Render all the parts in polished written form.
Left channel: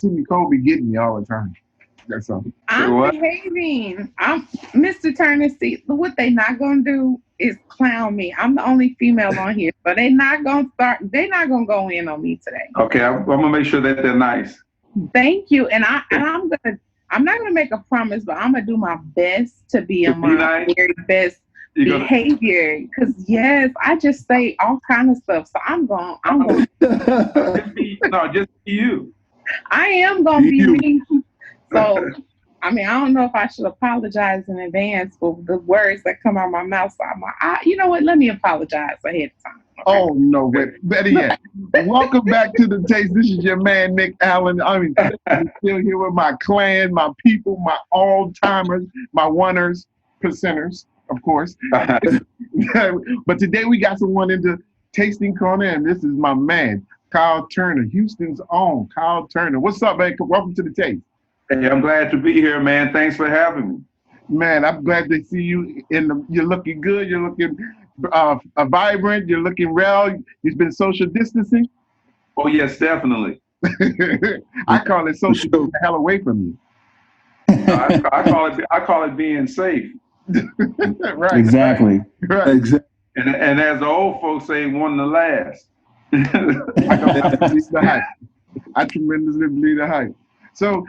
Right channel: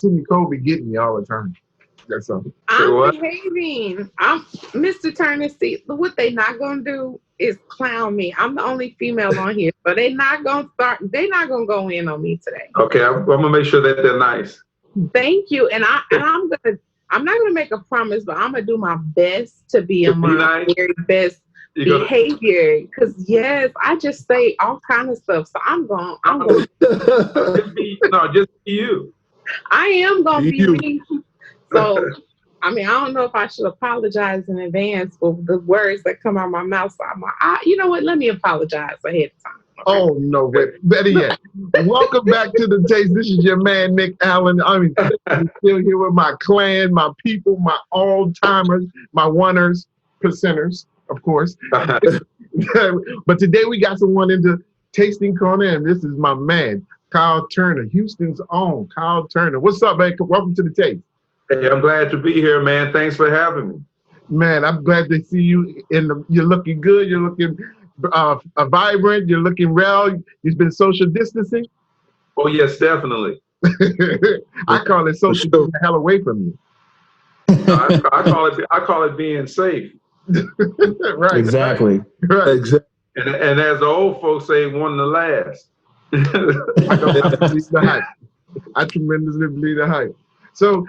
See, Nicole be getting me all the time. That's all. I'm behaving. I'm Mr. Turner. See, what they not gonna do is clown me. I'm the only female on here, so they not gonna start. They not gonna go in on me today. Okay, I'm gonna make sure that they're nice. Thank you, and I'm gonna. I'm not gonna make a promise, but I'm gonna do my best to be in my nice. very best behavior. Because yes, I just say all kind of stuff. So I'm going. just be you. I am gonna be me. So. I mean, I don't know if I should apologize in advance for the words that come out of my mouth. So you know what? Let me apologize ahead of time. Okay? Oh, no, wait. Better yet. Welcome back to The Taste. This is your man, Nic Allen. I'm still here with my clan, my people, my all-timers, my oneers, percenters, of course. But today we got someone into Tasting Corner, and this is my man, Kyle Turner, Houston's own Kyle Turner. What's up, man? Welcome to The Taste. Hey, I'm glad to be here, man. Thanks for having me. Man, I'm glad to see you. You're looking good. You're looking vibrant. You're looking well. You've been social distancing. Oh yes, definitely. I call it social the hell away from you. I call it being safe. Right. Exactly. Right. Exactly. And as the old folks say, one to last. I tremendously believe the hype. So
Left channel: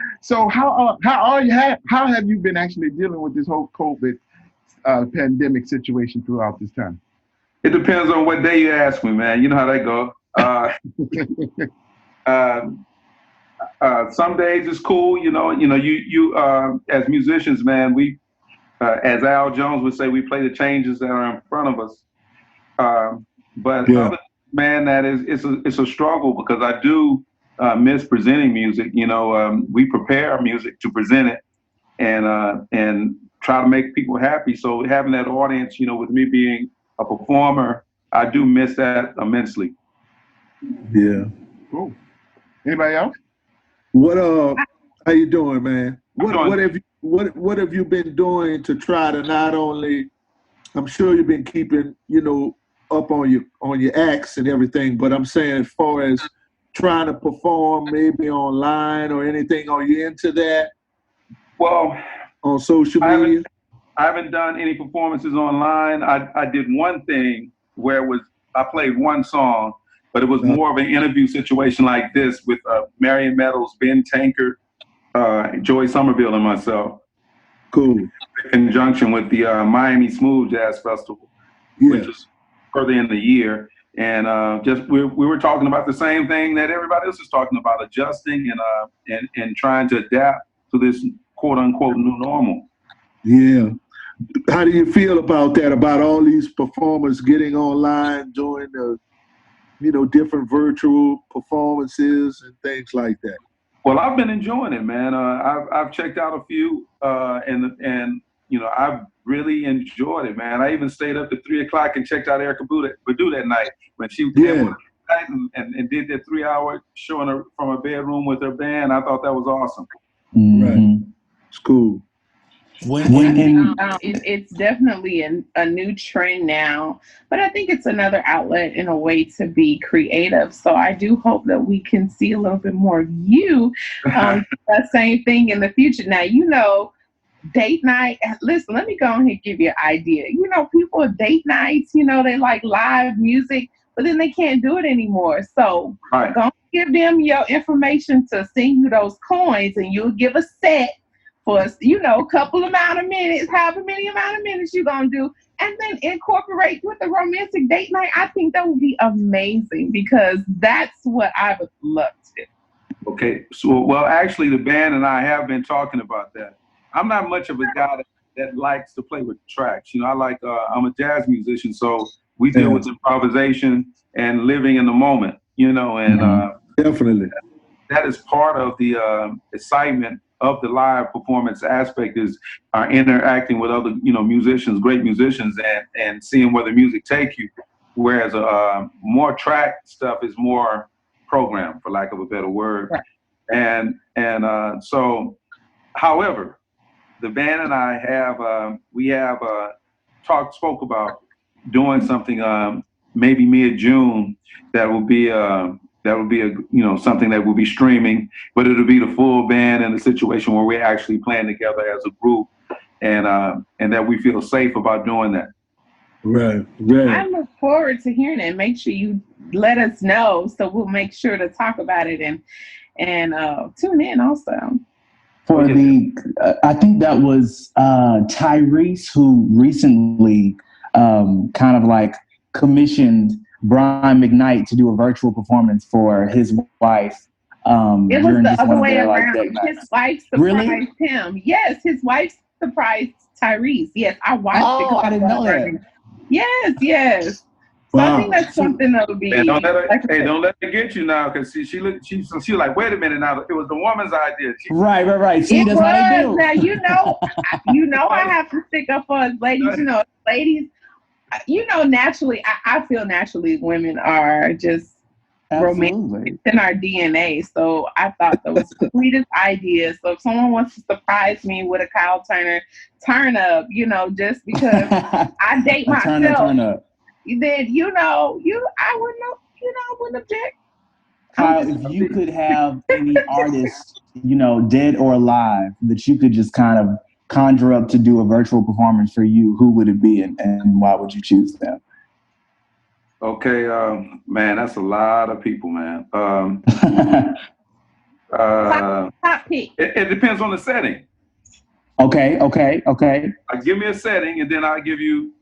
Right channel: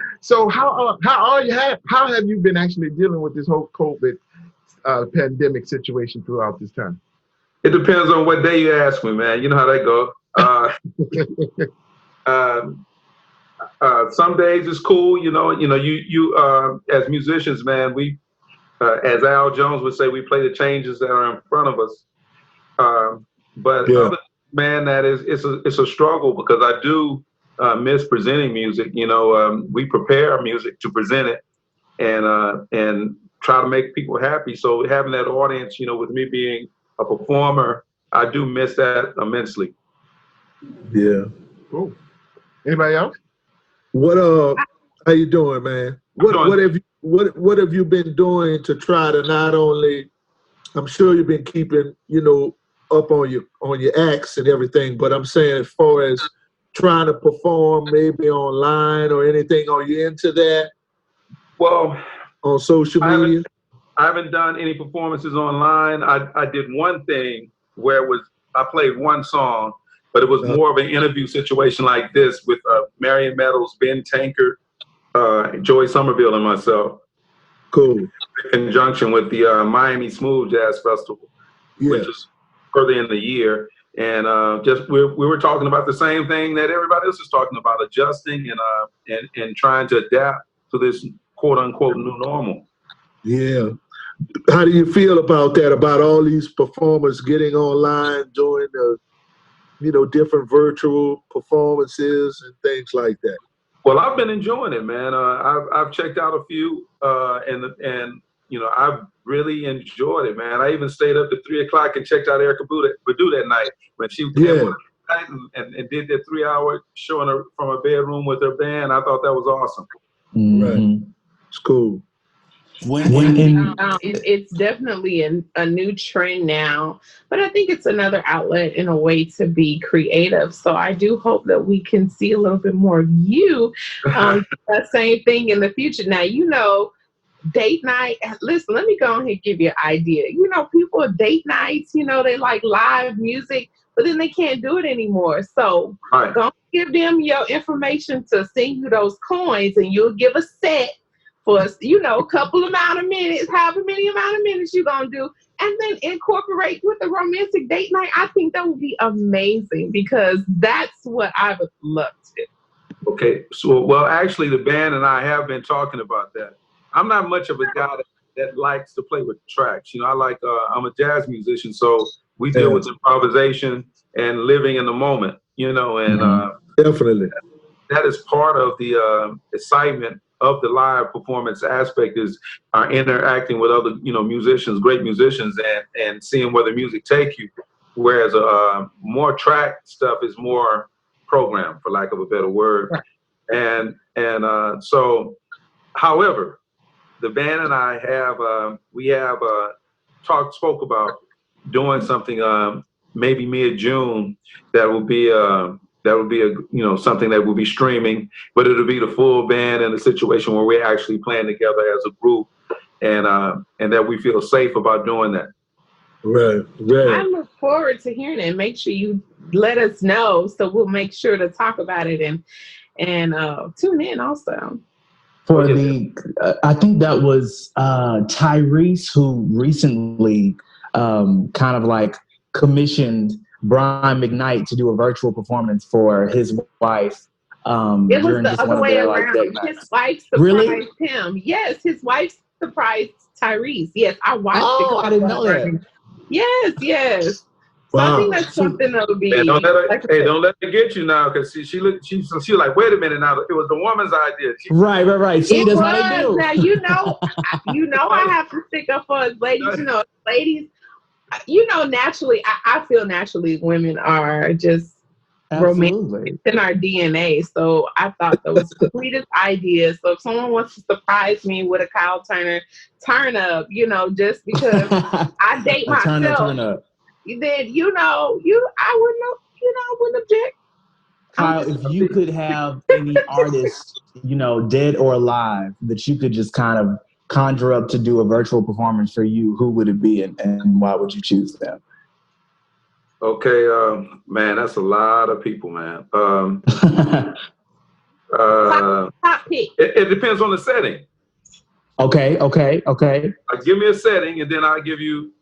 how have you been actually dealing with this whole COVID pandemic situation throughout this time? It depends on what day you ask me, man. You know how that goes. Some days it's cool, you as musicians, man, we as Al Jones would say, we play the changes that are in front of us. Other, man, that it's a struggle because I do miss presenting music. We prepare music to present it and try to make people happy. So having that audience, with me being a performer, I do miss that immensely. Yeah. Cool. Anybody else? What how you doing, man? What have you been doing to try to not only, I'm sure you've been keeping, up on your acts and everything, but I'm saying as far as trying to perform maybe online or anything, are you into that? Well, on social media? I haven't done any performances online. I did one thing where I played one song, but it was more of an interview situation like this with Marion Meadows, Ben Tankard, Joy Somerville, and myself. Cool. In conjunction with the Miami Smooth Jazz Festival, which is further in the year. And we were talking about the same thing that everybody else is talking about, adjusting and trying to adapt to this quote unquote new normal. Yeah. How do you feel about that? About all these performers getting online, doing different virtual performances and things like that? Well, I've been enjoying it, man. I've checked out a few, and I've really enjoyed it, man. I even stayed up to 3 o'clock and checked out Erykah Badu that night when she came on and did that 3-hour show from her bedroom with her band. I thought that was awesome. Mm-hmm. Right, it's cool. It's definitely a new trend now, but I think it's another outlet in a way to be creative. So I do hope that we can see a little bit more of you that same thing in the future. Now, date night. Listen, let me go ahead and give you an idea. People at date nights, they like live music, but then they can't do it anymore. So go give them your information to send you those coins, and you'll give a set for a couple amount of minutes, however many amount of minutes you're going to do, and then incorporate with the romantic date night. I think that would be amazing because that's what I would love to do. Okay. So, well, actually, the band and I have been talking about that. I'm not much of a guy that likes to play with tracks. I'm a jazz musician, so we deal with improvisation and living in the moment, and definitely. That is part of the excitement of the live performance aspect is interacting with other, musicians, great musicians, and seeing where the music take you. Whereas more track stuff is more programmed, for lack of a better word. Right. And so, however, the band and I spoke about doing something maybe mid-June that will be that would be something that will be streaming, but it'll be the full band in a situation where we're actually playing together as a group, and that we feel safe about doing that. Right. I look forward to hearing it. Make sure you let us know, so we'll make sure to talk about it and tune in also. For I think that was Tyrese who recently kind of like commissioned Brian McKnight to do a virtual performance for his wife. It was the other way around. His wife surprised him. Yes, his wife surprised Tyrese. Yes, I watched it. Oh, I didn't know that. Yes. So Wow. I think that's something that would be. Hey, don't let her get you now, because she like, wait a minute now. It was the woman's idea. Right. See, that's how they do. Now I have to stick up for us ladies. Ladies, naturally, I feel naturally women are just romantic in our DNA. So I thought that was the sweetest idea. So if someone wants to surprise me with a Kyle Turner turn up, just because I date myself, turn up. then I wouldn't object. Kyle, if you could have any artist, dead or alive, that you could just kind of conjure up to do a virtual performance for you, who would it be, and why would you choose them? Okay, man, that's a lot of people, man. Top pick. It depends on the setting. Okay. Give me a setting, and then I'll give you.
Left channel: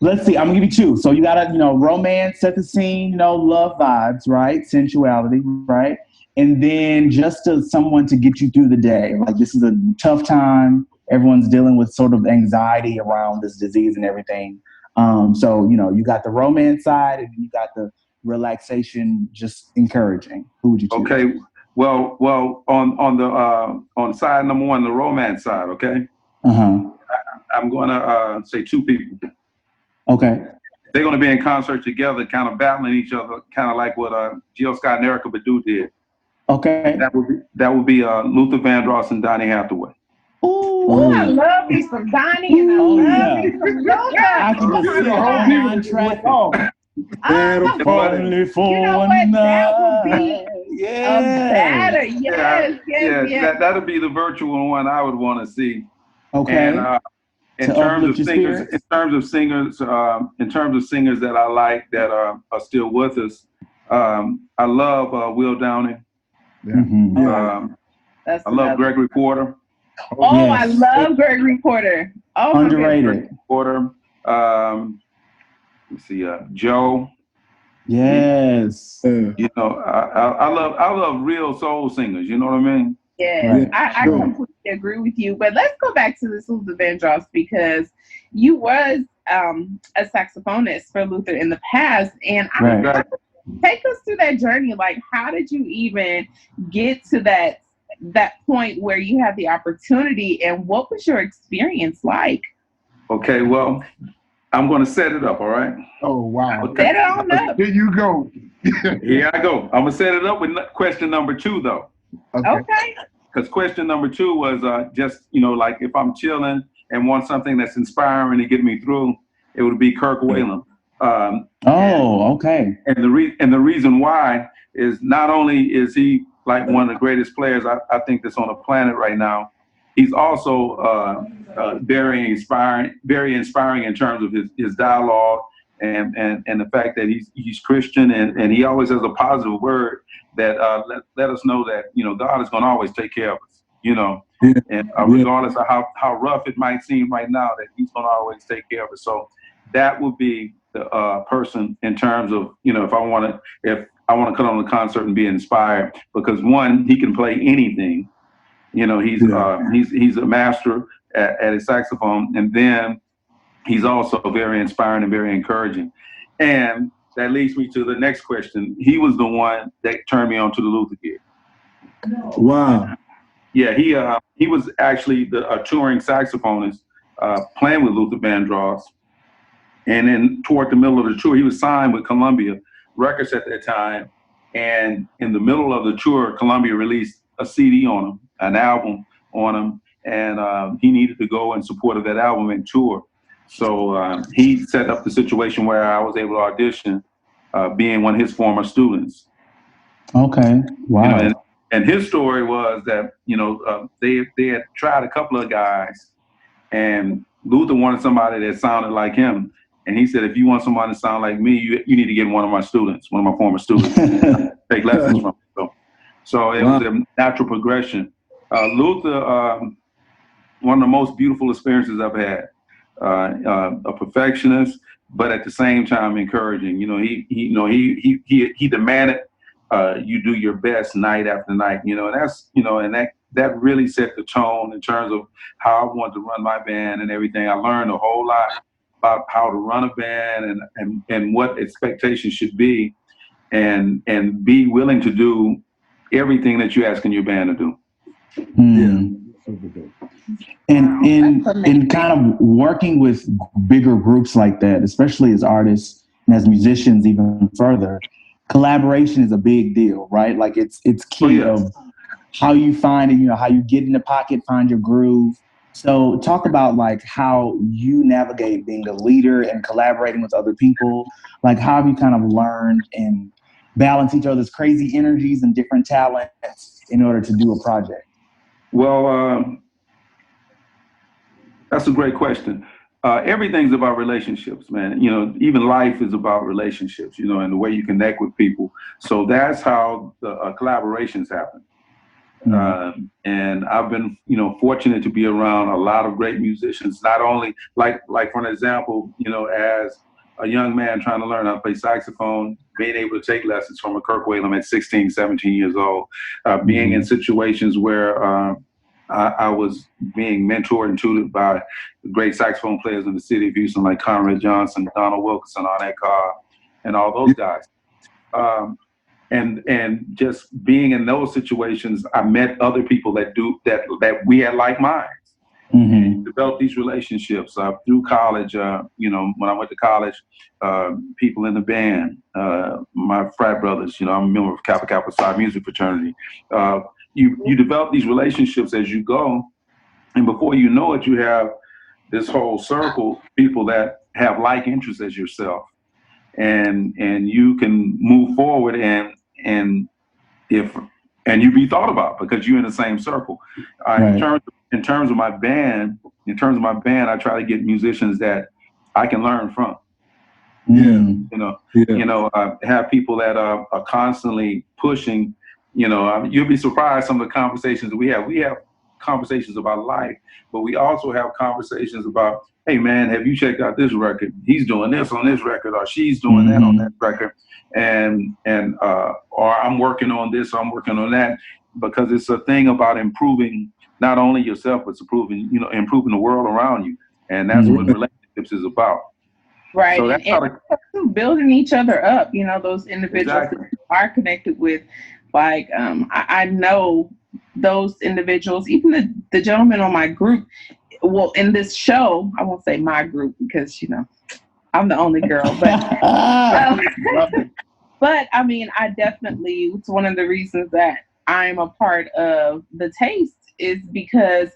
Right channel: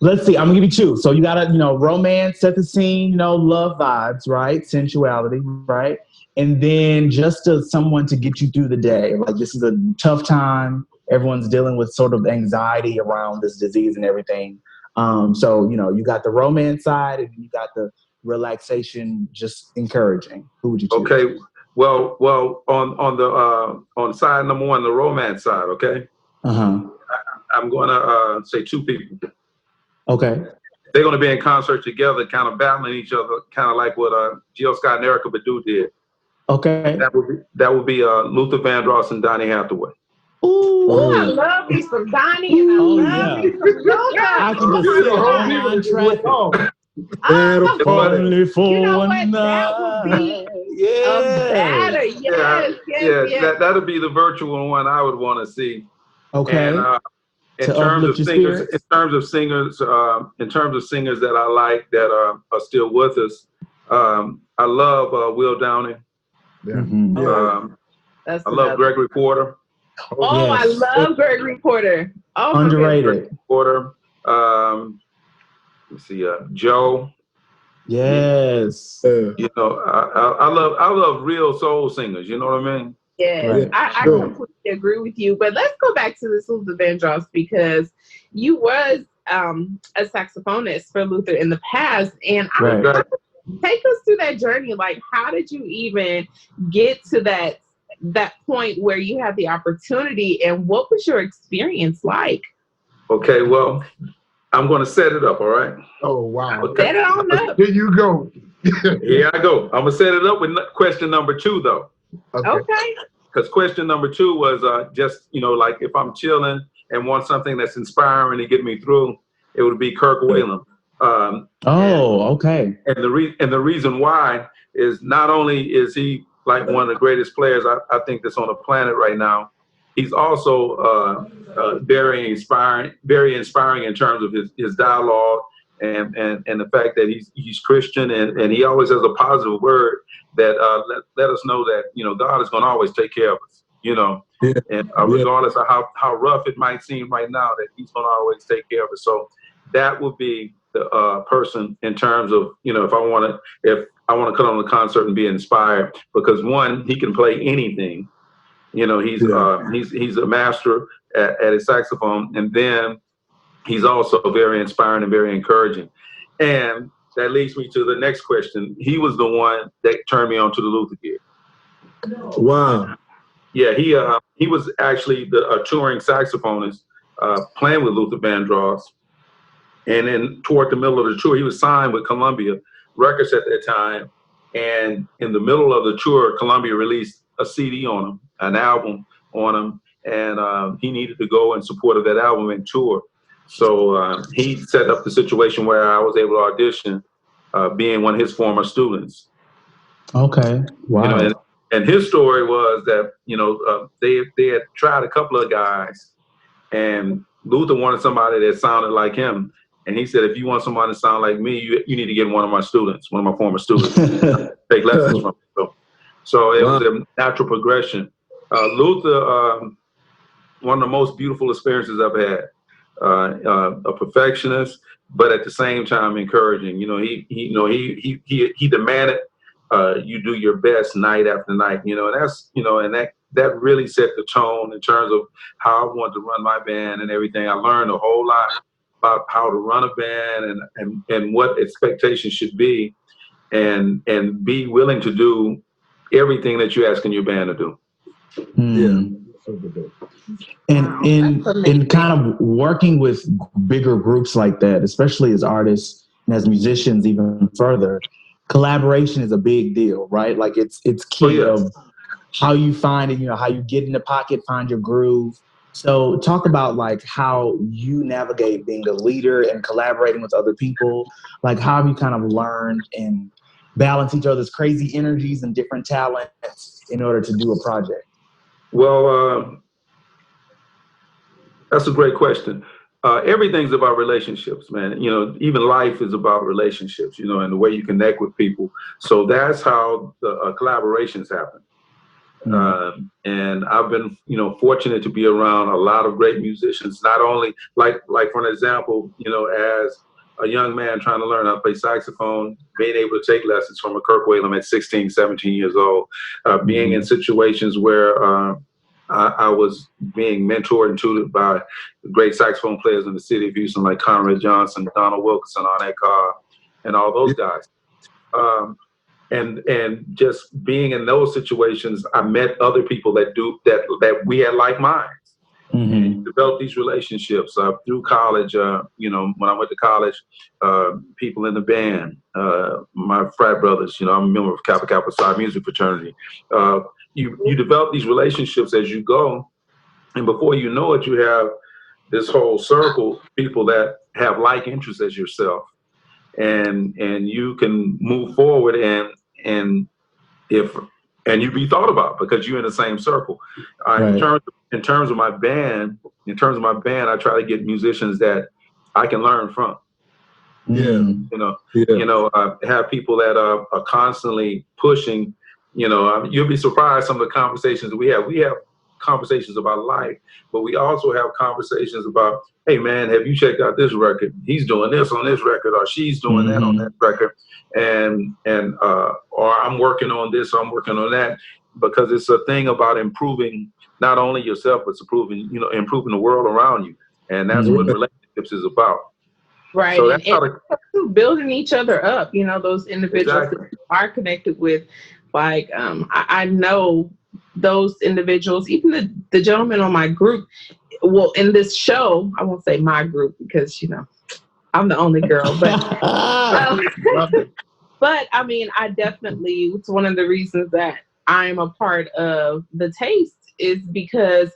Let's see. I'm gonna give you two. So you gotta, romance, set the scene, love vibes, right? Sensuality, right? And then just someone to get you through the day. Like, this is a tough time. Everyone's dealing with sort of anxiety around this disease and everything. So you got the romance side, and you got the relaxation, just encouraging. Who would you choose? Okay. Well, on side number one, the romance side. Okay. I'm gonna say two people. Okay. They're going to be in concert together, kind of battling each other, kind of like what Jill Scott and Erykah Badu did. Okay. That would be Luther Vandross and Donny Hathaway. Ooh, I love me some Donny, and I love me some Luther. I can just see the whole track. Only for you know what? one That would be better. Yes. That'll be the virtual one I would want to see. Okay. And, in terms of singers that I like that are still with us, I love Will Downing. Yeah. Mm-hmm. I love Gregory Porter. Oh, yes. I love Gregory Porter. Oh, underrated. Porter. Let's see, Joe. Yes. I love real soul singers. You know what I mean? Yeah, I completely agree with you. But let's go back to this Luther Vandross, because you was a saxophonist for Luther in the past, and take us through that journey. Like, how did you even get to that point where you had the opportunity, and what was your experience like? Okay, well, I'm going to set it up, all right? Oh, wow. Okay. Set it on up. Here you go. Here I go. I'm going to set it up with question number 2, though. Okay. Because question number 2 was just, like if I'm chilling and want something that's inspiring to get me through, it would be Kirk Whalum. Okay. And the reason why is not only is he like one of the greatest players I think that's on the planet right now, he's also very inspiring in terms of his dialogue and the fact that he's Christian and he always has a positive word that let us know that God is going to always take care of us, and regardless of how rough it might seem right now, that he's going to always take care of us. So that would be the person in terms of if I want to come on the concert and be inspired, because one, he can play anything. He's a master at his saxophone, and then he's also very inspiring and very encouraging. And that leads me to the next question. He was the one that turned me on to the Luther gig. Wow. Yeah, he was actually a touring saxophonist playing with Luther Vandross. And then toward the middle of the tour, he was signed with Columbia Records at that time. And in the middle of the tour, Columbia released a CD on him, an album on him, and he needed to go in support of that album and tour. So he set up the situation where I was able to audition, being one of his former students. Okay. Wow. You know, and his story was that, you know, they had tried a couple of guys, and Luther wanted somebody that sounded like him. And he said, if you want somebody to sound like me, you need to get one of my students, one of my former students, take lessons from him. So it was a natural progression. Luther, one of the most beautiful experiences I've had. A perfectionist, but at the same time encouraging. You know, he demanded you do your best night after night. You know, and that's, you know, and that really set the tone in terms of how I wanted to run my band and everything. I learned a whole lot about how to run a band and what expectations should be, and be willing to do everything that you're asking your band to do. Yeah. And in kind of working with bigger groups like that, especially as artists and as musicians, even further, collaboration is a big deal, right? Like it's key of how you find it, you know, how you get in the pocket, find your groove. So talk about like how you navigate being a leader and collaborating with other people. Like how have you kind of learned and balance each other's crazy energies and different talents in order to do a project? Well, that's a great question. Everything's about relationships, man. You know, even life is about relationships, you know, and the way you connect with people. So that's how the collaborations happen. And I've been, you know, fortunate to be around a lot of great musicians, not only like for an example, you know, as a young man trying to learn how to play saxophone, being able to take lessons from a Kirk Whalum at 16, 17 years old, being in situations where I was being mentored and tutored by great saxophone players in the city of Houston, like Conrad Johnson, Donald Wilkinson, Arnett Carr, and all those guys. And just being in those situations, I met other people that we had like minds. And developed these relationships through college. You know, when I went to college, people in the band, my frat brothers. You know, I'm a member of Kappa Kappa Psi Music Fraternity. You develop these relationships as you go, and before you know it, you have this whole circle of people that have like interests as yourself, and you can move forward and you be thought about because you're in the same circle. Right. In terms of my band, I try to get musicians that I can learn from. You know, have people that are constantly pushing. You know, you'll be surprised some of the conversations that we have. We have conversations about life, but we also have conversations about, hey man, have you checked out this record? He's doing this on this record, or she's doing that on that record, and or I'm working on this, or I'm working on that, because it's a thing about improving not only yourself, but improving the world around you, and that's what relationships is about. Right, so that's and building each other up. You know, those individuals that you are connected with. Like, I know those individuals, even the gentleman on my group. Well, in this show, I won't say my group because, you know, I'm the only girl, but but I mean, I definitely, it's one of the reasons that I'm a part of The Taste is because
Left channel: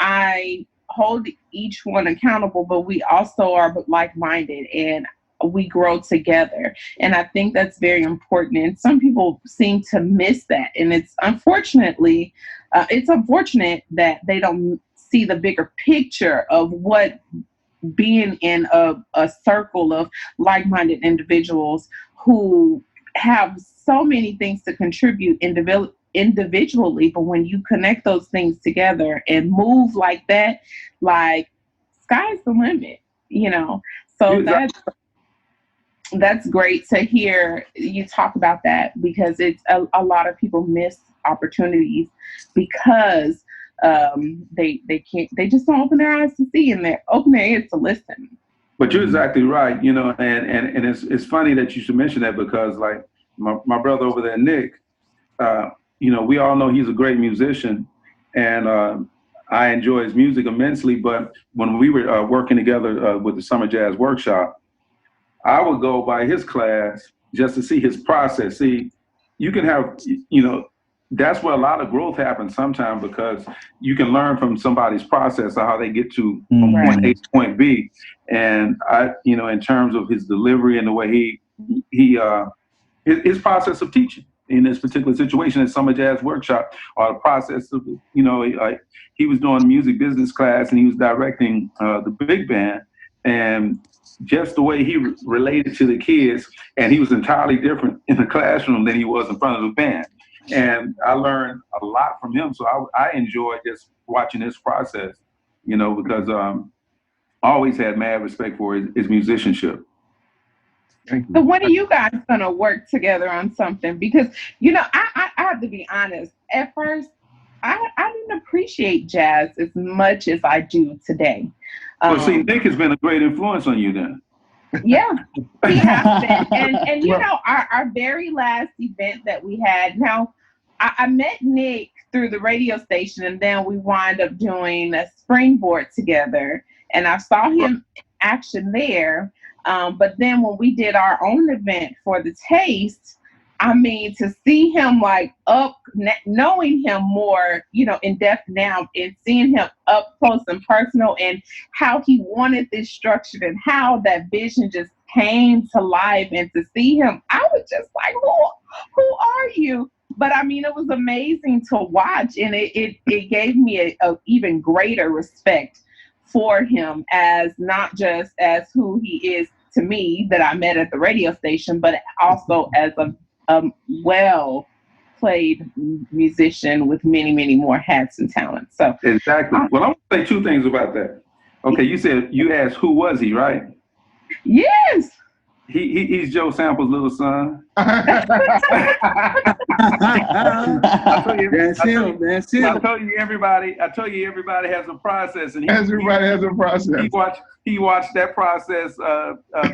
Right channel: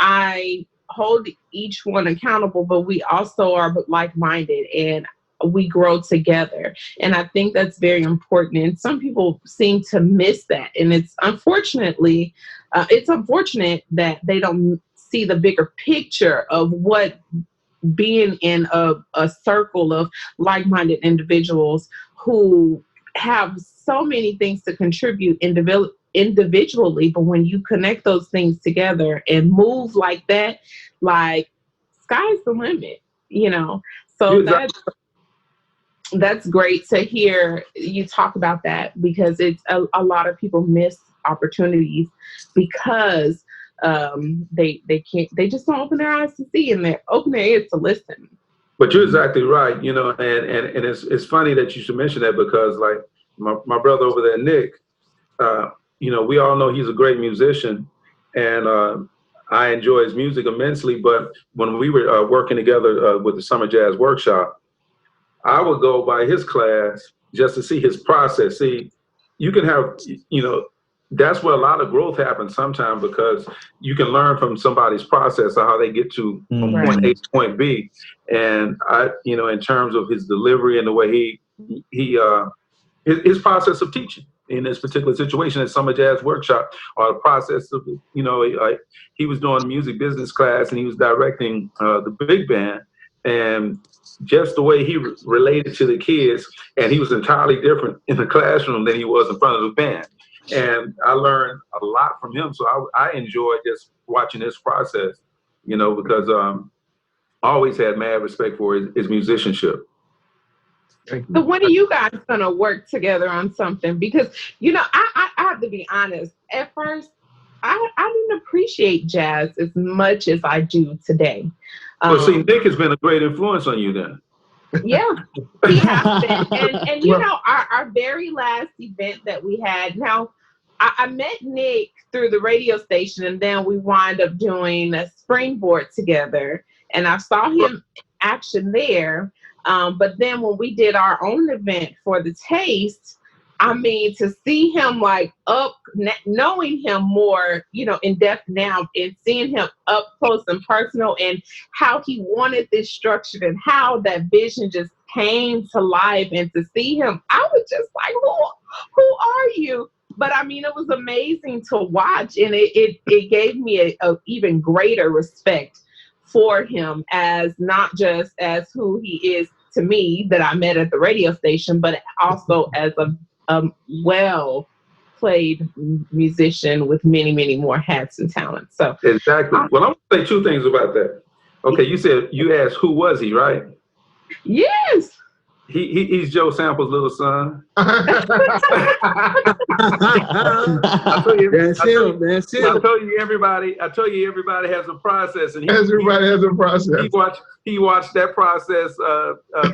I hold each one accountable, but we also are like-minded and we grow together. And I think that's very important. And some people seem to miss that. And it's unfortunate that they don't see the bigger picture of what being in a circle of like-minded individuals who have so many things to contribute individually, but when you connect those things together and move like that, like sky's the limit, you know. So that's great to hear you talk about that, because it's a lot of people miss opportunities because they just don't open their eyes to see and they open their ears to listen. But you're exactly right, you know, and it's funny that you should mention that, because like my brother over there, Nic, you know, we all know he's a great musician, and I enjoy his music immensely. But when we were working together with the Summer Jazz Workshop, I would go by his class just to see his process. See, you can have, you know, that's where a lot of growth happens sometimes, because you can learn from somebody's process of how they get to from point A to point B. And I, you know, in terms of his delivery and the way his process of teaching. in this particular situation at Summer Jazz Workshop, or the process of, he was doing music business class and he was directing the big band, and just the way he related to the kids, and he was entirely different in the classroom than he was in front of the band. And I learned a lot from him. So I enjoyed just watching his process, because I always had mad respect for his musicianship. So when are you guys going to work together on something? Because, I have to be honest. At first, I didn't appreciate jazz as much as I do today. Well, see, Nic has been a great influence on you then. Yeah, he has been. And our very last event that we had, now, I met Nic through the radio station, and then we wind up doing a springboard together. And I saw him in action there. But then when we did our own event for the Taste, to see him knowing him more, in depth now, and seeing him up close and personal, and how he wanted this structured and how that vision just came to life, and to see him, I was just like, who are you? But it was amazing to watch, and it gave me a even greater respect for him, as not just as who he is to me that I met at the radio station, but also as a well-played musician with many, many more hats and talents. So exactly. Well, I want to say two things about that. Okay, you asked who was he, right? Yes. He's Joe Sample's little son. That's him. I told you everybody has a process, and everybody has a process. He watched that process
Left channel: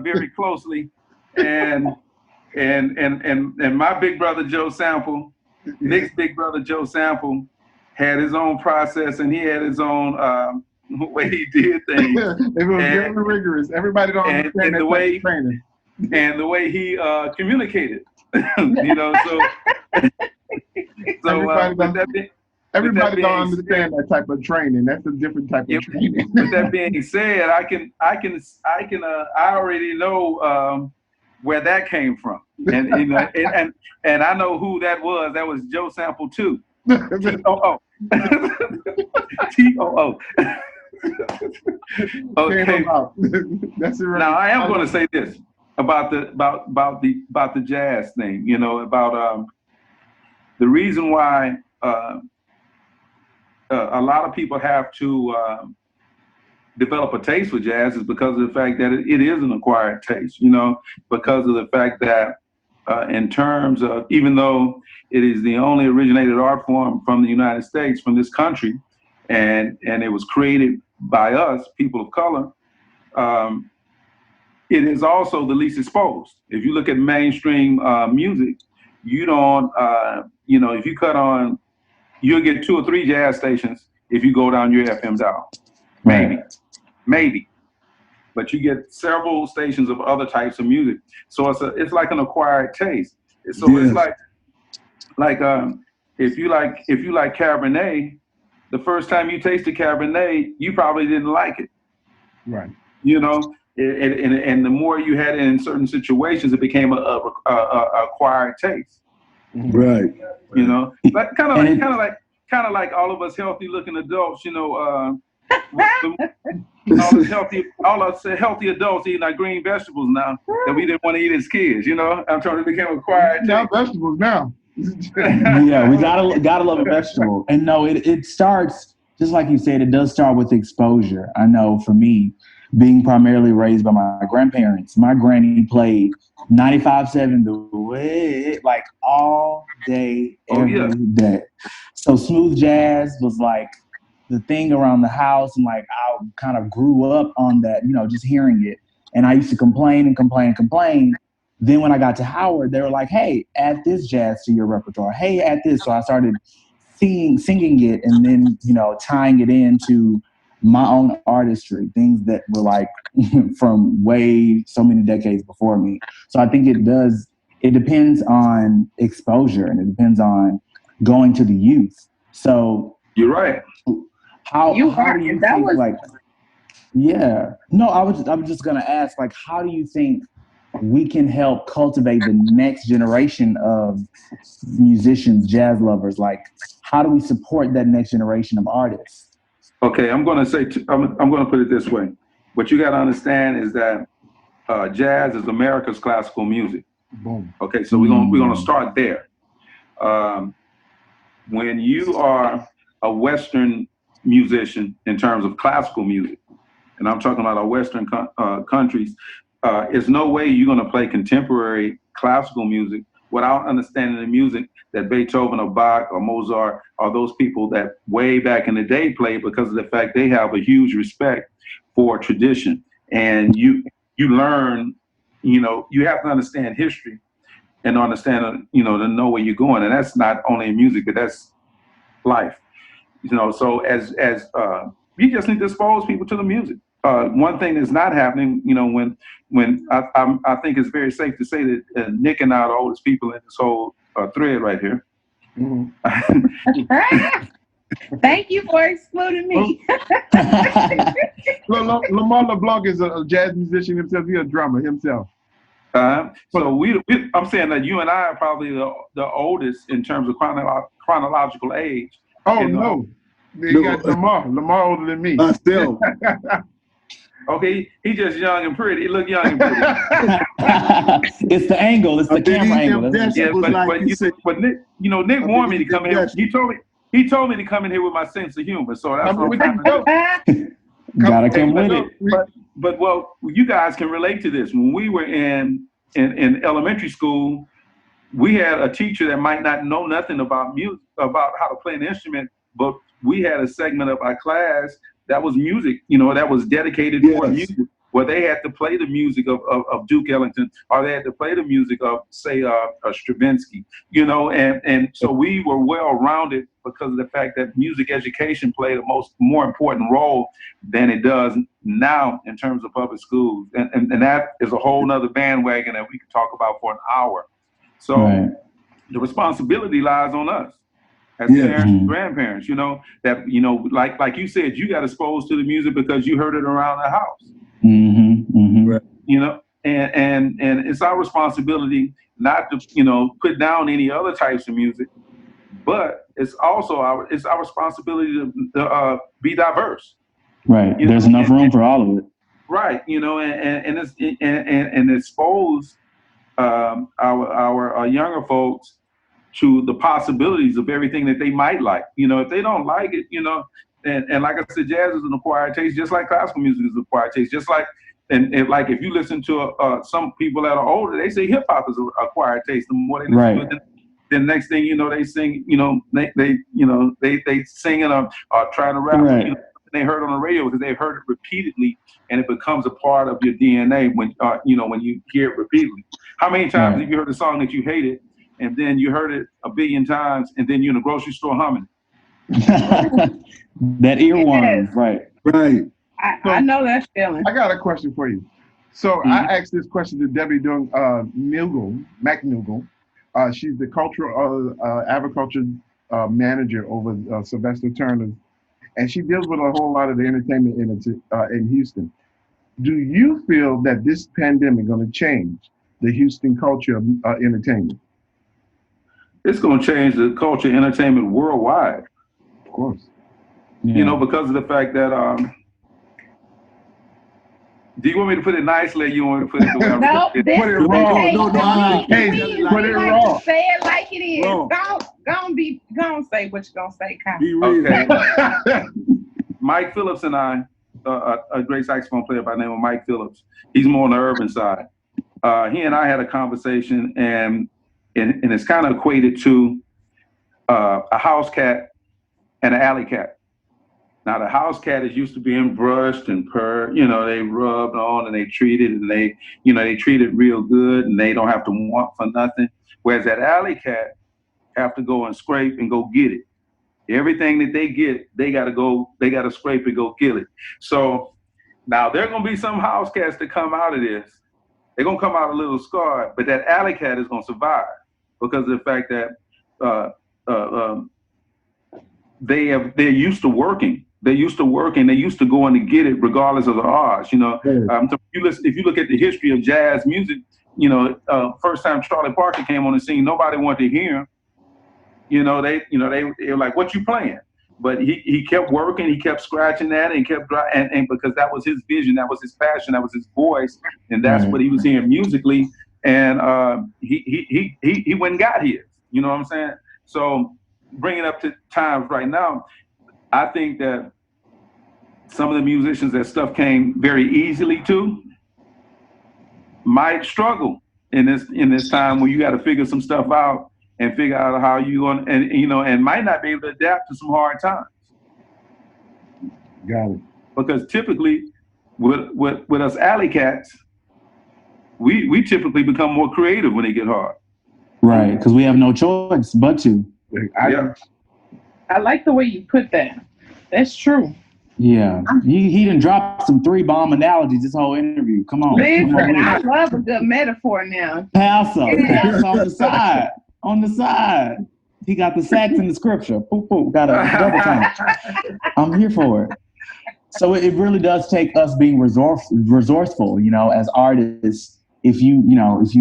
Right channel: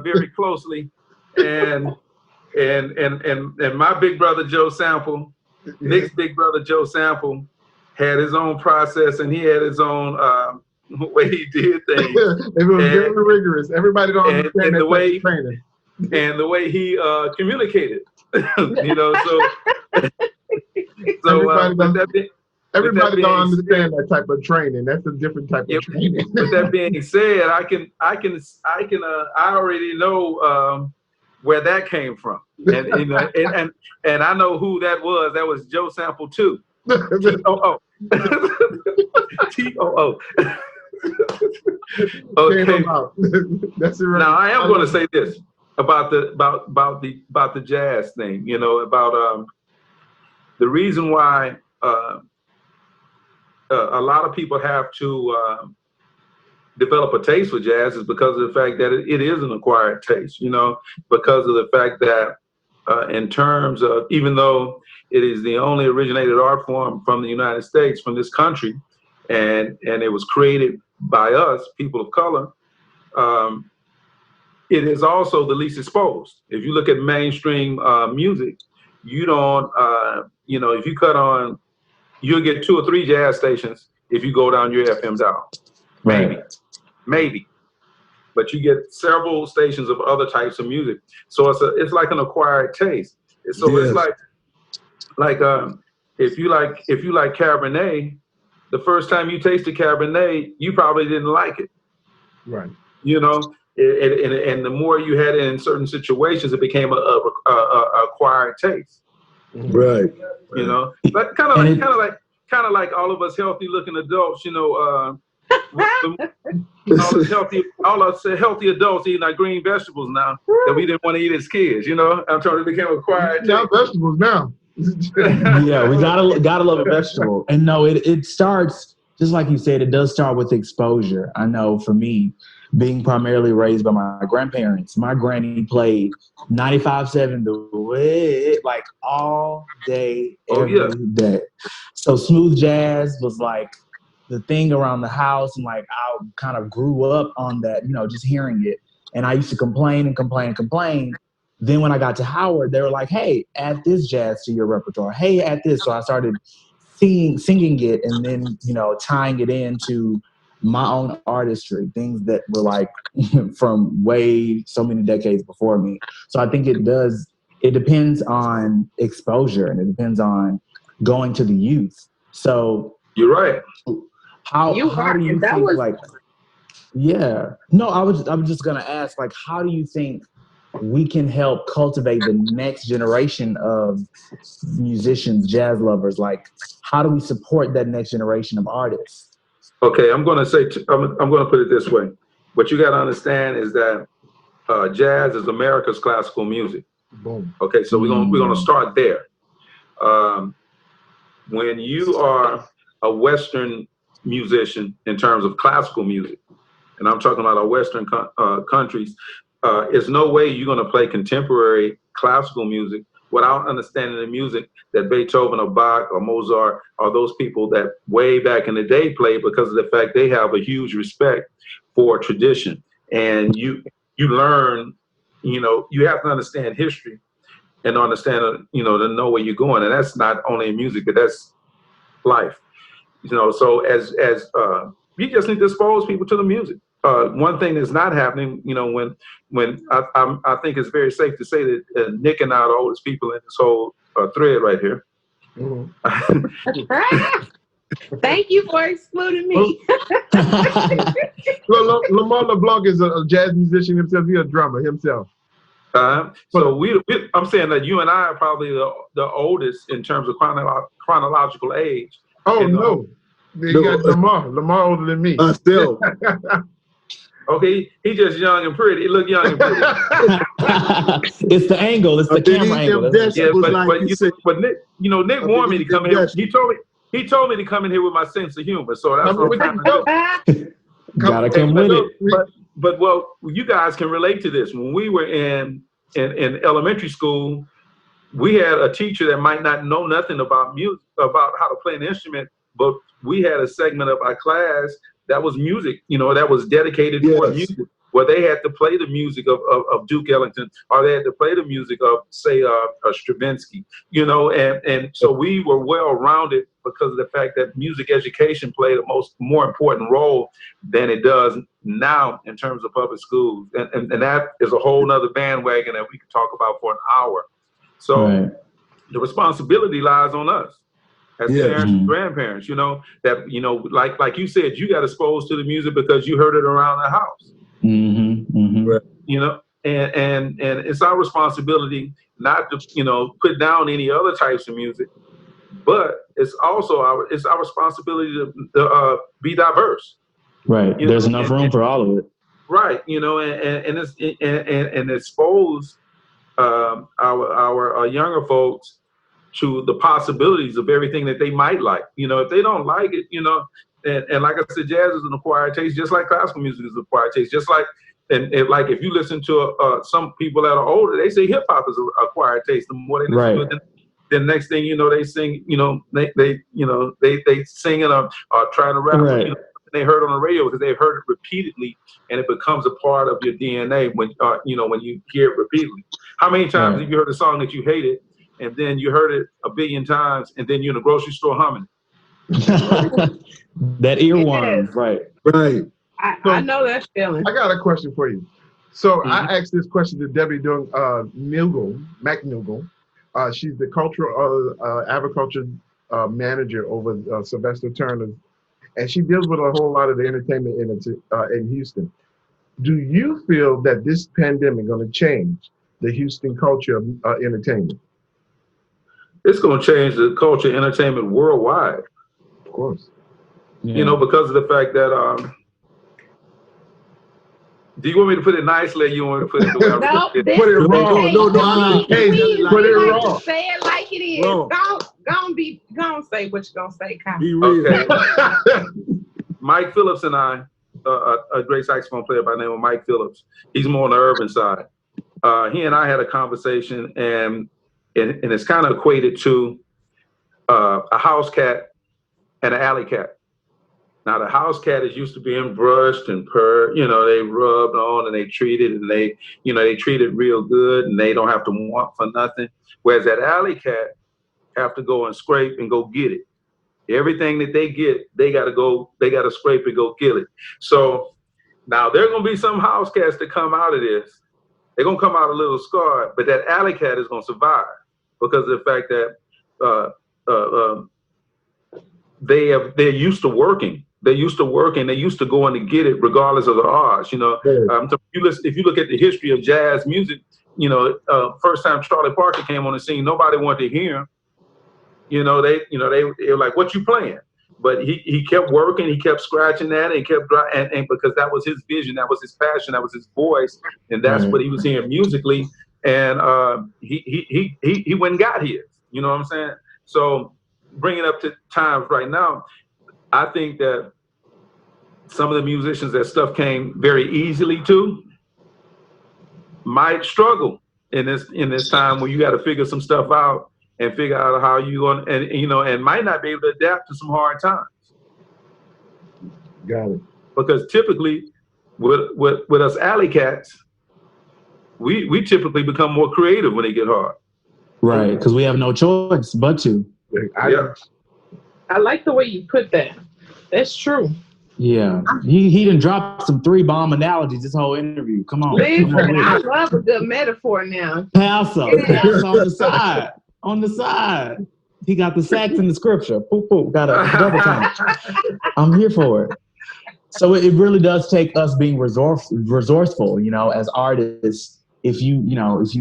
very closely, and my big brother Joe Sample, Nic's big brother Joe Sample, had his own process, and he had his own way he did things. It was very rigorous. Everybody don't understand the way training. And the way he communicated, everybody don't understand that type of training. That's a different type of training. With that being said, I already know where that came from, and I know who that was. That was Joe Sample too. TOO. TOO. Okay. That's right. Now I am going to say this about the jazz thing. About the reason why a lot of people have to develop a taste for jazz is because of the fact that it is an acquired taste. Because of the fact that in terms of, even though it is the only originated art form from the United States, from this country, and it was created by us, people of color, it is also the least exposed. If you look at mainstream music, you don't, if you cut on, you'll get 2 or 3 jazz stations if you go down your FM dial. Maybe. But you get several stations of other types of music. So it's like an acquired taste. So yes. It's like if you like Cabernet, the first time you tasted Cabernet, you probably didn't like it. Right. And the more you had it in certain situations, it became a acquired taste. Right. But kind of like all of us healthy looking adults, all us healthy adults eating our green vegetables now that we didn't want to eat as kids. I'm trying to become acquired. Now vegetables now. Yeah, we gotta love a vegetable. And no, it starts, just like you said, it does start with exposure. I know for me, being primarily raised by my grandparents, my granny played 95.7 the way, like all day, every day. So smooth jazz was like the thing around the house, and like I kind of grew up on that, just hearing it. And I used to complain. Then when I got to Howard, they were like, hey, add this jazz to your repertoire. Hey, add this. So I started singing it, and then, tying it into my own artistry, things that were like from so many decades before me. So I think it depends on exposure, and it depends on going to the youth. So you're right. How do you think, like, yeah. No, I was just gonna ask, like, how do you think we can help cultivate the next generation of musicians, jazz lovers? Like, how do we support that next generation of artists? Okay, I'm going to say, I'm going to put it this way. What you got to understand is that jazz is America's classical music. Boom. Okay, so we're going to start there. When you are a Western musician in terms of classical music, and I'm talking about our Western countries, there's no way you're going to play contemporary classical music without understanding the music that Beethoven or Bach or Mozart or those people that way back in the day played, because of the fact they have a huge respect for tradition. And you learn, you have to understand history and understand, to know where you're going. And that's not only in music, but that's life. So as you just need to expose people to the music. One thing that's not happening, when I think it's very safe to say that Nic and I are the oldest people in this whole thread right here. Mm-hmm. Thank you for excluding me. Lamar LaBlanc is a jazz musician himself. He's a drummer himself. So I'm saying that you and I are probably the oldest in terms of chronological age. Oh, no. You got Lamar older than me. Still. Okay, he just young and pretty. He look young and pretty. It's the angle. It's the camera angle. But Nic, Nic wanted me to come here. He told me to come in here with my sense of humor. So that's what I'm doing. Gotta come with it. But well, you guys can relate to this. When we were in elementary school, we had a teacher that might not know nothing about music, about how to play an instrument, but we had a segment of our class that was music, that was dedicated for music, where they had to play the music of Duke Ellington, or they had to play the music of, say, Stravinsky, and so we were well-rounded because of the fact that music education played a more important role than it does now in terms of public schools. And that is a whole nother bandwagon that we could talk about for an hour. So the responsibility lies on us as parents and grandparents, that, like you said, you got exposed to the music because you heard it around the house. And it's our responsibility not to, put down any other types of music, but it's also our responsibility to be diverse. Right. There's enough room for all of it. Right. And expose our younger folks to the possibilities of everything that they might like. If they don't like it, and like I said, jazz is an acquired taste, just like classical music is an acquired taste, just like, like if you listen to some people that are older, they say hip hop is an acquired taste. The more they listen to it, then next thing you know, they sing, they sing it or trying to rap. They heard on the radio because they've heard it repeatedly, and it becomes a part of your DNA when you hear it repeatedly. How many times have you heard a song that you hated, and then you heard it a billion times, and then you're in the grocery store humming? That earworm, right. I know that feeling. I got a question for you. So I asked this question to Debbie McNougal. She's the cultural agriculture manager over Sylvester Turner, and she deals with a whole lot of the entertainment in Houston. Do you feel that this pandemic is going to change the Houston culture of entertainment? It's going to change the culture of entertainment worldwide. Of course. Because of the fact that do you want me to put it nicely, or you want me to put it the way I No, put it wrong. Put it wrong. Say it like it is. Don't say what you're gonna say, Kyle. Be real. Okay. Mike Phillips and I, a great saxophone player by the name of Mike Phillips. He's more on the urban side. He and I had a conversation, and it's kind of equated to a house cat and an alley cat. Now, the house cat is used to being brushed and purred, they rubbed on and they treated, and they treat it real good, and they don't have to want for nothing. Whereas that alley cat have to go and scrape and go get it. Everything that they get, they got to scrape and go get it. So now there are going to be some house cats that come out of this. They're going to come out a little scarred, but that alley cat is going to survive because of the fact that they're used to working they used to work and they used to go in to get it regardless of the odds. You know, if you look at the history of jazz music, you know, first time Charlie Parker came on the scene, nobody wanted to hear him. You know, they were like, "What you playing?" But he kept working, he kept scratching that, and kept and because that was his vision, that was his passion, that was his voice, and that's what he was hearing musically. And he went and got his. You know what I'm saying? So bringing up to times right now, I think that some of the musicians that stuff came very easily to might struggle in this time where you got to figure some stuff out and figure out how you going and might not be able to adapt to some hard times. Got it. Because typically with us alley cats, we typically become more creative when they get hard. Right, because we have no choice but to. I like the way you put that. That's true. Yeah, he done dropped some 3-bomb analogies this whole interview. Come on. Listen, I love a good metaphor now. Pass on the side. On the side. He got the sax in the scripture. Poop, poop. Got a double time. I'm here for it. So it really does take us being resourceful, you know, as artists. If you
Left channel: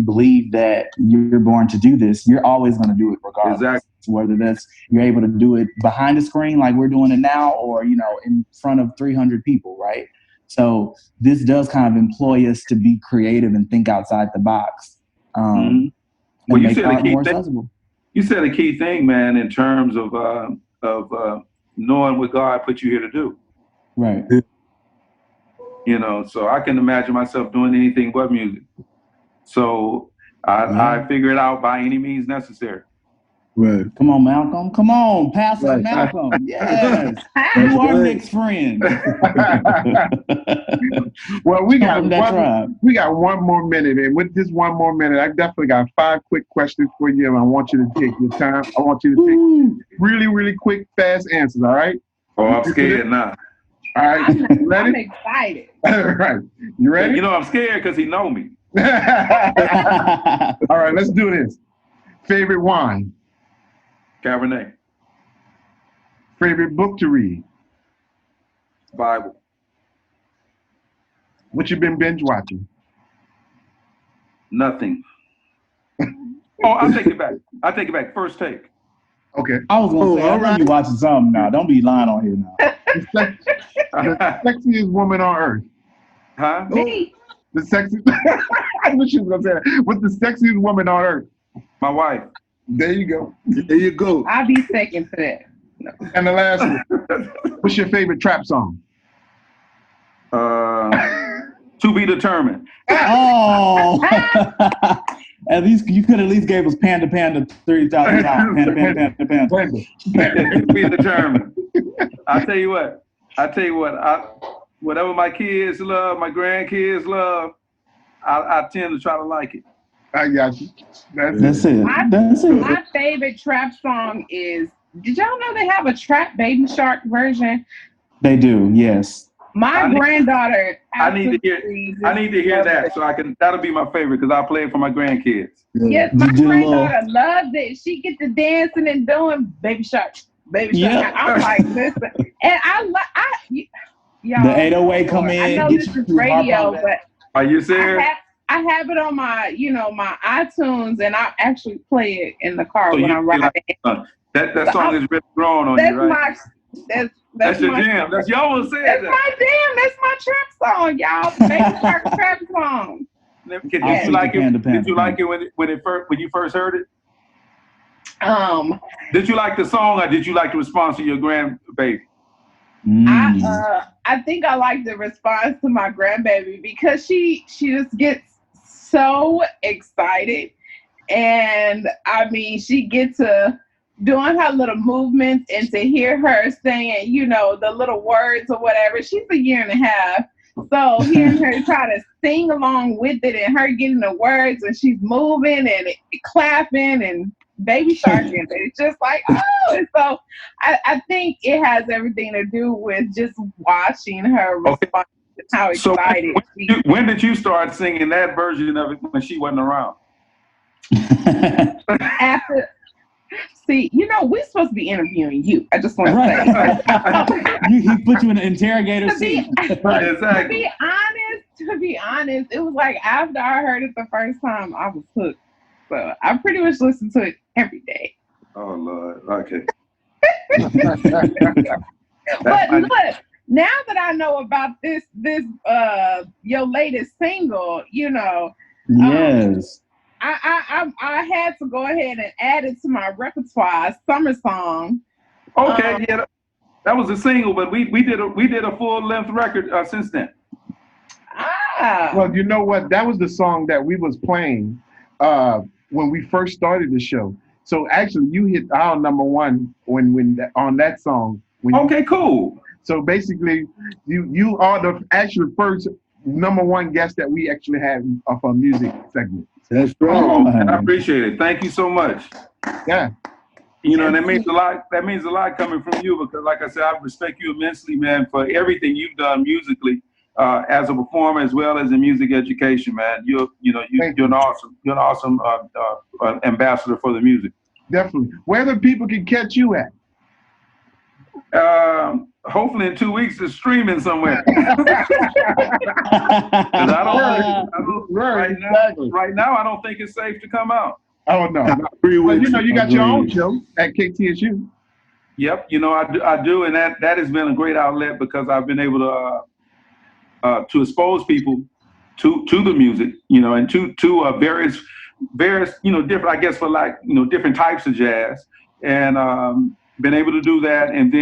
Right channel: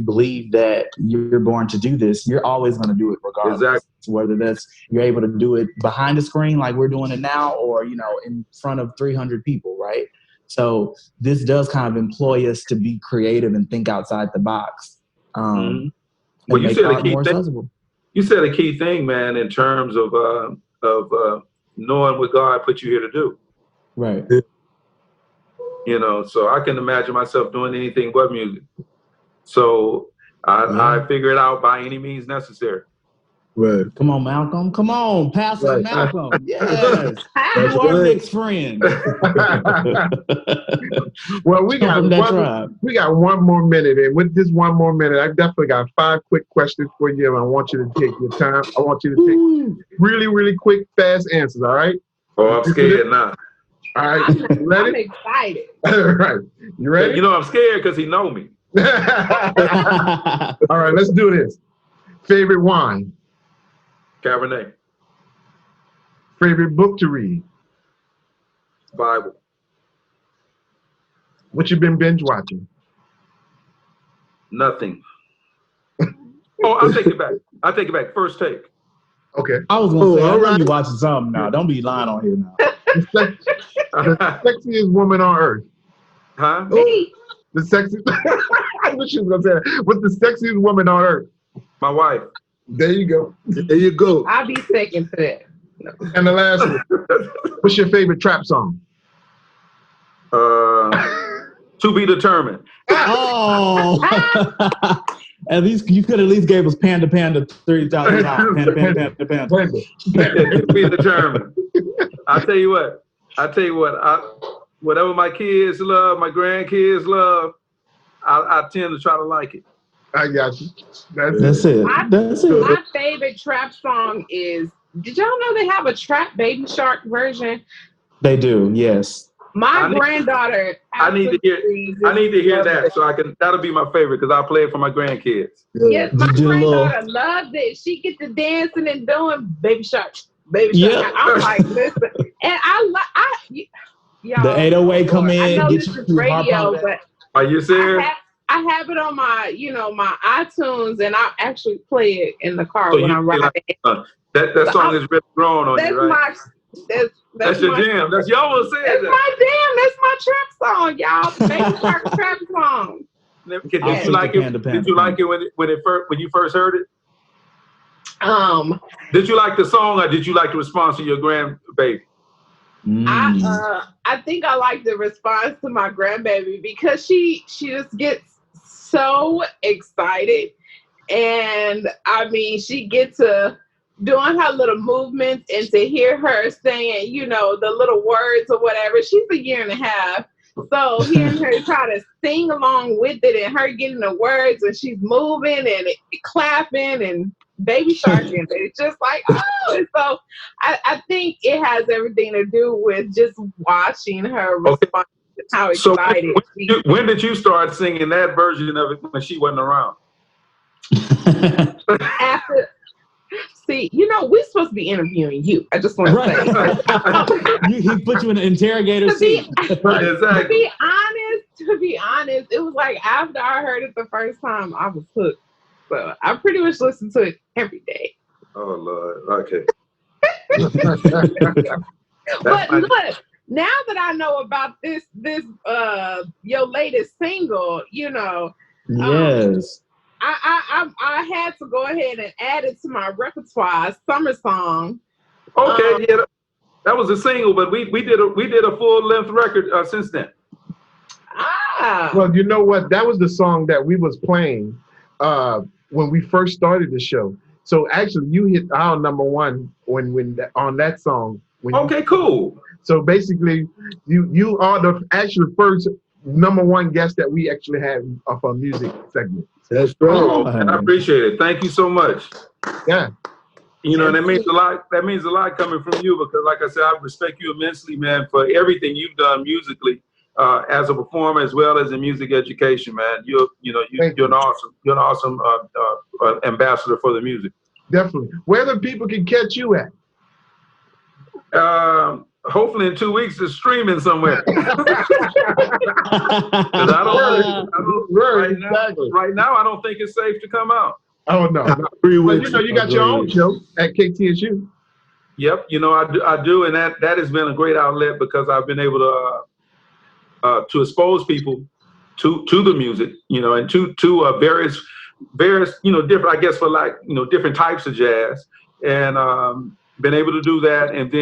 believe that you're born to do this, you're always going to do it regardless. Exactly. Whether that's you're able to do it behind the screen like we're doing it now, or, you know, in front of 300 people, right? So this does kind of employ us to be creative and think outside the box. And make art more accessible. You said a key thing, man, in terms of knowing what God put you here to do. Right. You know, so I can imagine myself doing anything but music. So I figure it out by any means necessary. Right. Come on, Malcolm. Come on, Pastor Malcolm. Yes. You are Nick's friend. Well, we got one more minute, and with this one more minute, I definitely got 5 quick questions for you, and I want you to take your time. I want you to take really, really quick, fast answers. All right? Oh, I'm scared now. All right, I'm excited. All right, you ready? You know I'm scared because he know me. All right, let's do this. Favorite wine? Cabernet. Favorite book to read? Bible. What you been binge watching? Nothing. Oh, I'll take it back. First Take. Okay. I was going to say, I know you watching something now. Don't be lying on here now. The sexiest woman on earth? Huh? Me. The sexiest. I knew she was going to say that. What's the sexiest woman on earth? My wife. There you go. There you go. I'll be second for that. No. And the last one. What's your favorite trap song? To Be Determined. Oh. At least you could at least gave us Panda 3,000 times. Panda. To Be Determined. I tell you what. Whatever my kids love, my grandkids love, I tend to try to like it. I got you. That's it. My favorite trap song is, did y'all know they have a trap Baby Shark version? They do, yes. My granddaughter. I need to hear that so I can. That'll be my favorite because I play it for my grandkids. Yes, my granddaughter loves it. She gets to dancing and doing Baby Shark. Yeah. I'm like, listen, and y'all. The 808 come in. I know this is radio, but are you serious? I have it on my, my iTunes, and I actually play it in the car when I'm riding. That song is really grown on you, right? That's your jam. That's y'all want to say that. That's my jam. That's my trap song, y'all. Baby Shark trap song. Did you like it? Did you like it when you first heard it? Did you like the song, or did you like the response to your grandbaby? I think I like the response to my grandbaby because she just gets so excited, and I mean she gets to doing her little movements, and to hear her saying the little words or whatever. She's a year and a half, so hearing her try to sing along with it and her getting the words, and she's moving and clapping and Baby Shark in it. It's just like, oh, and so I think it has everything to do with just watching her respond to how excited. So when did you start singing that version of it when she wasn't around? See, we're supposed to be interviewing you. I just want to say. He put you in an interrogator seat. To be honest, it was like after I heard it the first time, I was hooked. So I pretty much listen to it every day. Oh Lord, okay. But look, now that I know about this your latest single, yes. I had to go ahead and add it to my repertoire, Summer Song. Okay, yeah, that was a single, but we did a full length record since then. Well, you know what? That was the song that we was playing when we first started the show. So actually, you hit our number one when on that song. Okay, cool. So basically, you are the actual first number one guest that we actually had of our music segment. That's right. Oh, I appreciate it. Thank you so much. Yeah. That means a lot. That means a lot coming from you because, like I said, I respect you immensely, man, for everything you've done musically, as a performer as well as in music education, man. You're an awesome ambassador for the music. Definitely. Where the people can catch you at? Hopefully in 2 weeks it's streaming somewhere. Right now I don't think it's safe to come out. Oh no. But you got your own show at KTSU. Yep, I do, and that has been a great outlet because I've been able to expose people to the music, and to various different, I guess, for different types of jazz, and been able to do that, and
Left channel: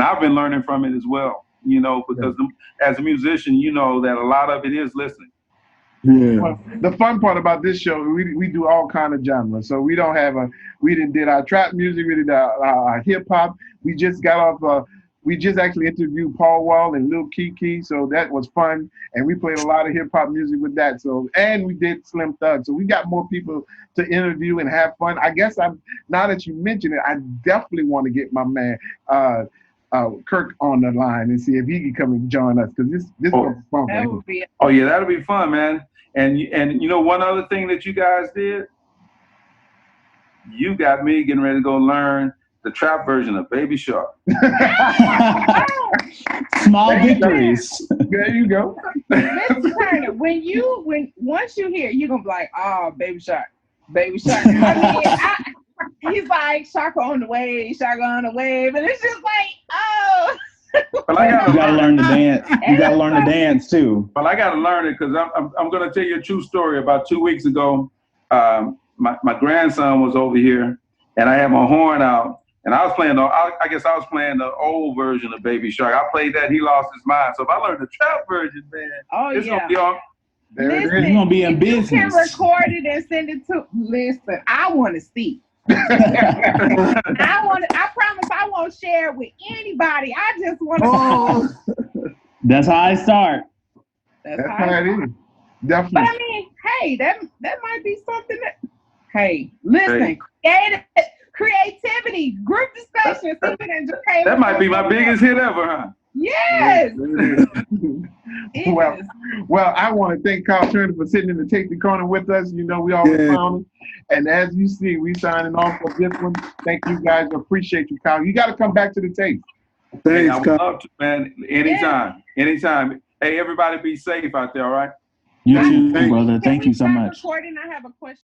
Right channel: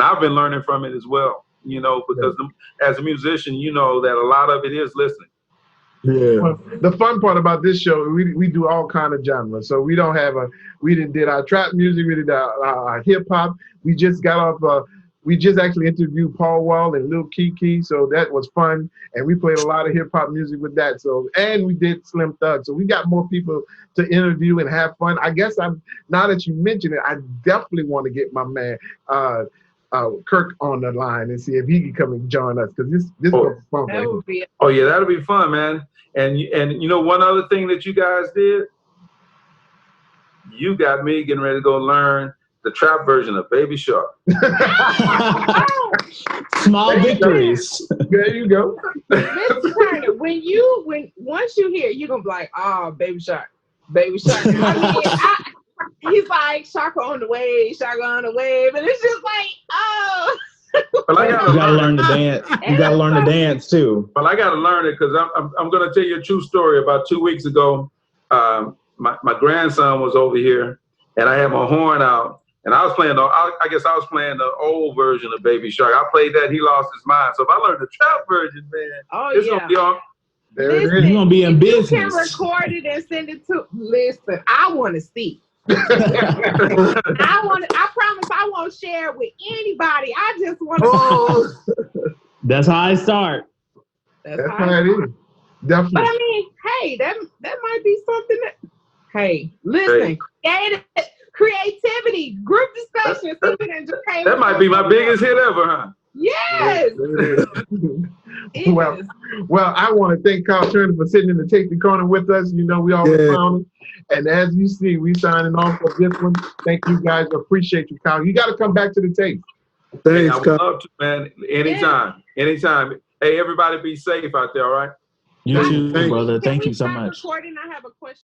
I've been learning from it as well, because as a musician, that a lot of it is listening. Yeah. Well, the fun part about this show, we do all kind of genres. So we did our trap music, we did our hip hop. We just got off. We just actually interviewed Paul Wall and Lil Kiki, so that was fun. And we played a lot of hip hop music with that. So, and we did Slim Thug. So we got more people to interview and have fun. I guess now that you mention it, I definitely want to get my man Kirk on the line and see if he can come and join us because this was fun. That would be. Oh yeah, that'll be fun, man. And one other thing that you guys did, you got me getting ready to go learn the trap version of Baby Shark. Small victories. There you go. Mr. Turner, once you hear, you're gonna be like, oh, Baby Shark. He's like Shaka on the wave, and it's just like, oh. Well, you gotta learn to dance. You gotta learn to dance too. Well, I gotta learn it because I'm gonna tell you a true story. About 2 weeks ago, my grandson was over here, and I had my horn out, and I was playing the old version of Baby Shark. I played that, he lost his mind. So if I learned the trap version, man, it's gonna be on. You're gonna be in business. You can record it and send it to. Listen, I want to see. I promise I won't share it with anybody. I just want to. That's how I start. That's how it is. Definitely. But I mean, hey, that might be something that. Hey, listen, creativity, group discussion, that might be my biggest hit ever, huh? Yes. Well, I want to thank Carl Turner for sitting in the Tasty Corner with us. We always found him. And as you see, we signing off for this one. Thank you guys. Appreciate you, Carl. You got to come back to the tape. Thanks, I would love to, man. Anytime. Hey, everybody be safe out there, all right? You too, brother. Thank you so much. Recording, I have a question.